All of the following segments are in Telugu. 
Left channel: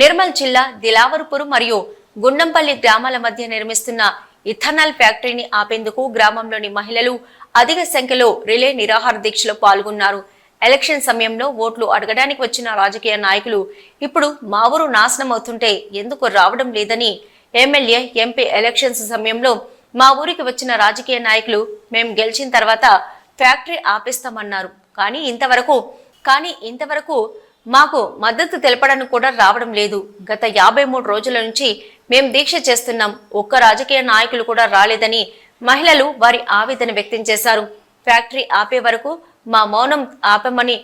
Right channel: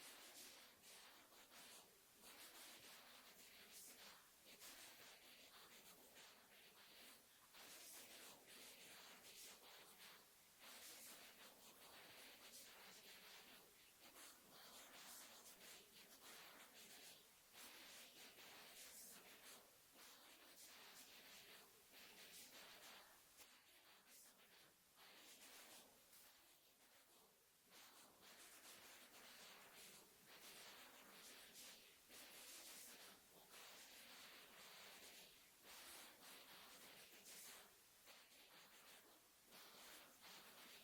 నిర్మల్ జిల్లా దిలావర్పూర్ మరియు గుండంపల్లి గ్రామాల మధ్య నిర్మిస్తున్న ఇథనాల్ ఫ్యాక్టరీని ఆపేందుకు గ్రామంలోని మహిళలు అధిక సంఖ్యలో రిలే నిరాహార దీక్షలో పాల్గొన్నారు. ఎలక్షన్ సమయంలో ఓట్లు అడగడానికి వచ్చిన రాజకీయ నాయకులు ఇప్పుడు మా ఊరు నాశనం అవుతుంటే ఎందుకు రావడం లేదని ఎమ్మెల్యే, ఎంపీ ఎలక్షన్స్ సమయంలో మా ఊరికి వచ్చిన రాజకీయ నాయకులు మేము గెలిచిన తర్వాత ఫ్యాక్టరీ ఆపేస్తామన్నారు. కానీ ఇంతవరకు మాకు మద్దతు తెలపడానికి కూడా రావడం లేదు. గత 53 రోజుల నుంచి మేం దీక్ష చేస్తున్నాం. ఒక్క రాజకీయ నాయకులు కూడా రాలేదని మహిళలు వారి ఆవేదన వ్యక్తం చేశారు. ఫ్యాక్టరీ ఆపే వరకు మా మౌనం ఆపమని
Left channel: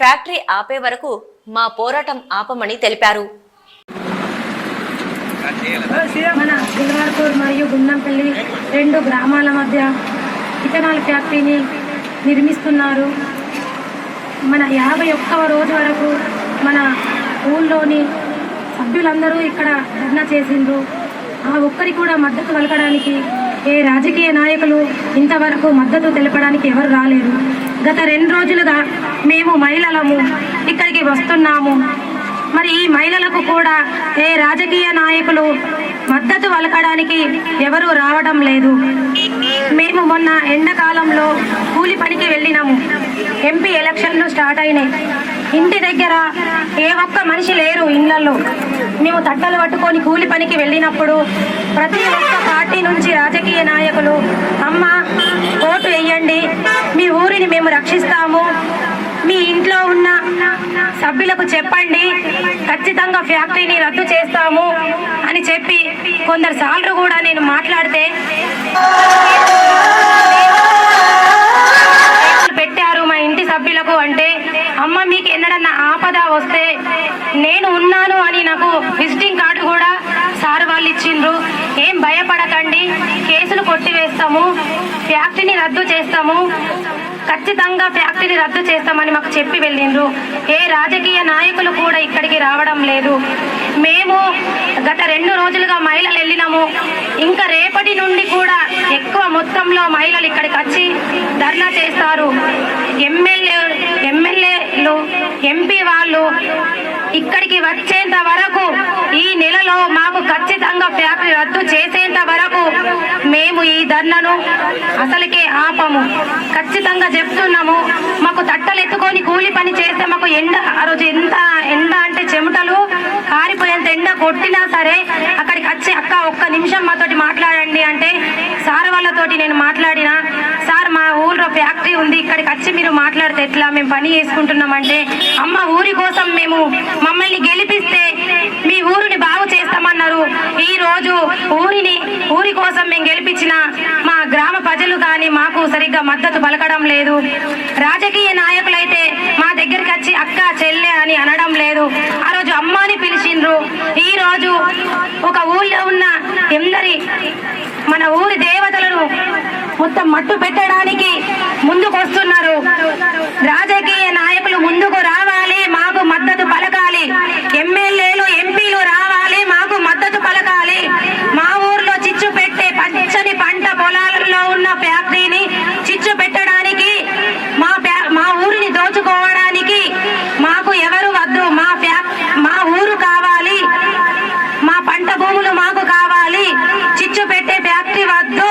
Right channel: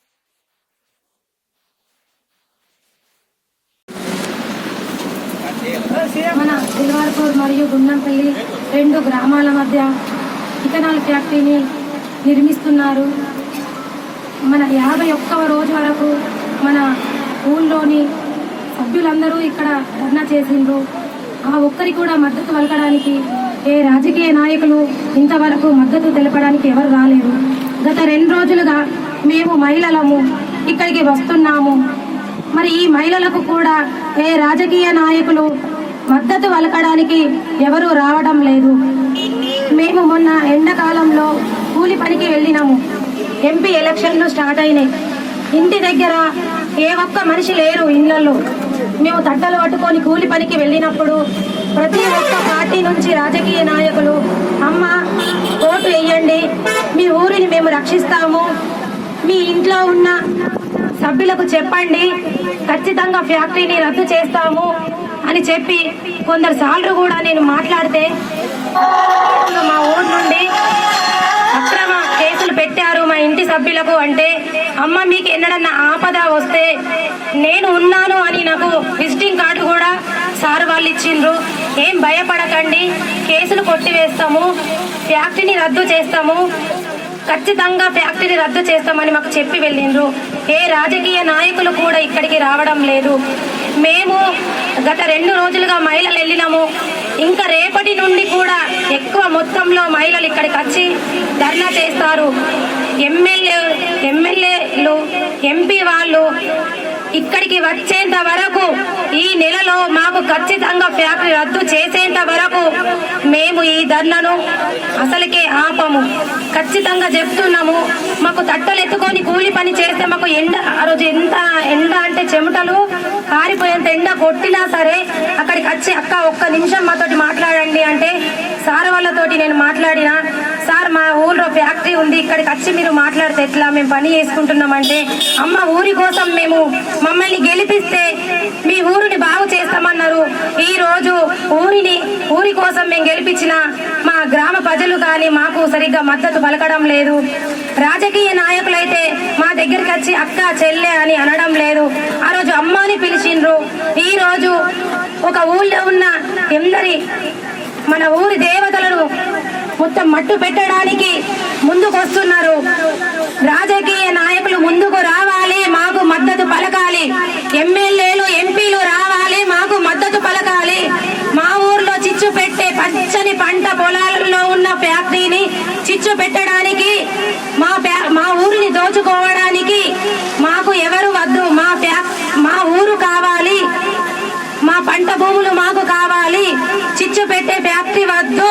ఫ్యాక్టరీ ఆపే వరకు మా పోరాటం ఆపమని తెలిపారు. మన దిలావర్పూర్ మరియు గుండంపల్లి 2 గ్రామాల మధ్య ఇథనాల్ ఫ్యాక్టరీని నిర్మిస్తున్నారు. మన 51వ రోజు వరకు మన ఊళ్ళోని సభ్యులందరూ ఇక్కడ ధర్నా చేసిండ్రు. ఆ ఒక్కరికి కూడా మద్దతు పలకడానికి ఏ రాజకీయ నాయకులు ఇంతవరకు మద్దతు తెలపడానికి ఎవరు రాలేరు. గత 2 రోజులుగా మేము మహిళలము ఇక్కడికి వస్తున్నాము. మరి ఈ మహిళలకు కూడా ఏ రాజకీయ నాయకులు మద్దతు పలకడానికి ఎవరు రావడం లేదు. మేము మొన్న ఎండాకాలంలో కూలి పనికి వెళ్ళినాము. ఎంపీ ఎలక్షన్లు స్టార్ట్ అయినాయి. ఇంటి దగ్గర ఏ ఒక్క మనిషి లేరు ఇళ్లలో. మేము తట్టలు పట్టుకొని కూలి పనికి వెళ్ళినప్పుడు ప్రతి ఒక్క పార్టీ నుంచి రాజకీయ నాయకులు అమ్మ ఓటు వేయండి, మీ ఊరిని మేము రక్షిస్తాము, మీ ఇంట్లో ఉన్న సభ్యులకు చెప్పండి, ఖచ్చితంగా ఫ్యాక్టరీని రద్దు చేస్తాము అని చెప్పి కొందరు సార్లు కూడా నేను మాట్లాడితే మా ఊరు నుండి కేసులు పెట్టారు మా ఇంటి సభ్యులకు. అంటే అమ్మ మీకు ఎన్నడన్నా ఆపద వస్తే నేను ఉన్నాను అని నాకు విజిటింగ్ కార్డు కూడా సార్ వాళ్ళు ఇచ్చిండ్రు. ఏం భయపడకండి, కేసులు కొట్టివేస్తాము, ఫ్యాక్టరీని రద్దు చేస్తాము, ఖచ్చితంగా ఫ్యాక్టరీ రద్దు చేస్తామని మాకు చెప్పి వెళ్ళిండ్రు. ఏ రాజకీయ నాయకులు కూడా ఇక్కడికి రావడం లేదు. మేము గత 2 రోజులుగా మహిళలు వెళ్ళినాము. ఇంకా రేపటి నుండి కూడా ఎక్కువ మొత్తంలో మహిళలు ఇక్కడికి వచ్చి ధర్నా చేస్తారు. ఎమ్మెల్యేలు, ఎంపీ వాళ్ళు ఇక్కడికి వచ్చేంత వరకు, ఈ నెలలో మాకు ఖచ్చితంగా ఫ్యాక్టరీ రద్దు చేసేంత వరకు మేము ఈ ధర్నాను అసలుకే ఆపము. ఖచ్చితంగా చెప్తున్నాము. మాకు తట్టలు ఎత్తుకొని కూలి పని చేస్తే మాకు ఎండ, ఆ రోజు ఎంత ఎండ అంటే చెమటలు కారిపోయేంత ఎండ కొట్టినా సరే అక్కడికి వచ్చి అక్క ఒక్క నిమిషం మాతోటి మాట్లాడండి అంటే సార్ వాళ్ళతోటి నేను మాట్లాడినా, సార్ మా ఊళ్ళో ఫ్యాక్టరీ ఉంది, ఇక్కడికి వచ్చి మీరు మాట్లాడితే ఎట్లా, మేము పని చేసుకుంటున్నామంటే అమ్మ ఊరి కోసం మేము మమ్మల్ని గెలిపిస్తే మీ ఊరిని బాగు చేస్తామన్నారు. ఈ రోజు ఊరి కోసం మేము గెలిపించిన మా గ్రామ ప్రజలు కానీ మాకు సరిగ్గా మద్దతు పలకడం లేదు. రాజకీయ నాయకులైతే మా దగ్గరికి వచ్చి అక్క, చెల్లె అని అనడం లేదు. ఆ రోజు అమ్మాని పిలిచిండ్రు. ఈ రోజు ఒక ఊళ్ళో ఉన్న మన ఊరి దేవతలను మొత్తం మట్టు పెట్టడానికి ముందుకు వస్తున్నారు. రాజకీయ నాయకులు ముందుకు రావాలి, మాకు మద్దతు పలకాలి. ఎమ్మెల్యేలు, ఎంపీలు రావాలి, మాకు మద్దతు పలకాలి. మా ఊర్లో చిచ్చు పెట్టే పచ్చని పంట పొలాలలో ఉన్న ఫ్యాక్టరీని చిచ్చు పెట్టడానికి, మా ఊరిని దోచుకోవడానికి మాకు ఎవరు వద్దు. మా ఊరు కావాలి, మా పంట భూములు మాకు కావాలి. చిచ్చు పెట్టే ఫ్యాక్టరీ వద్దు.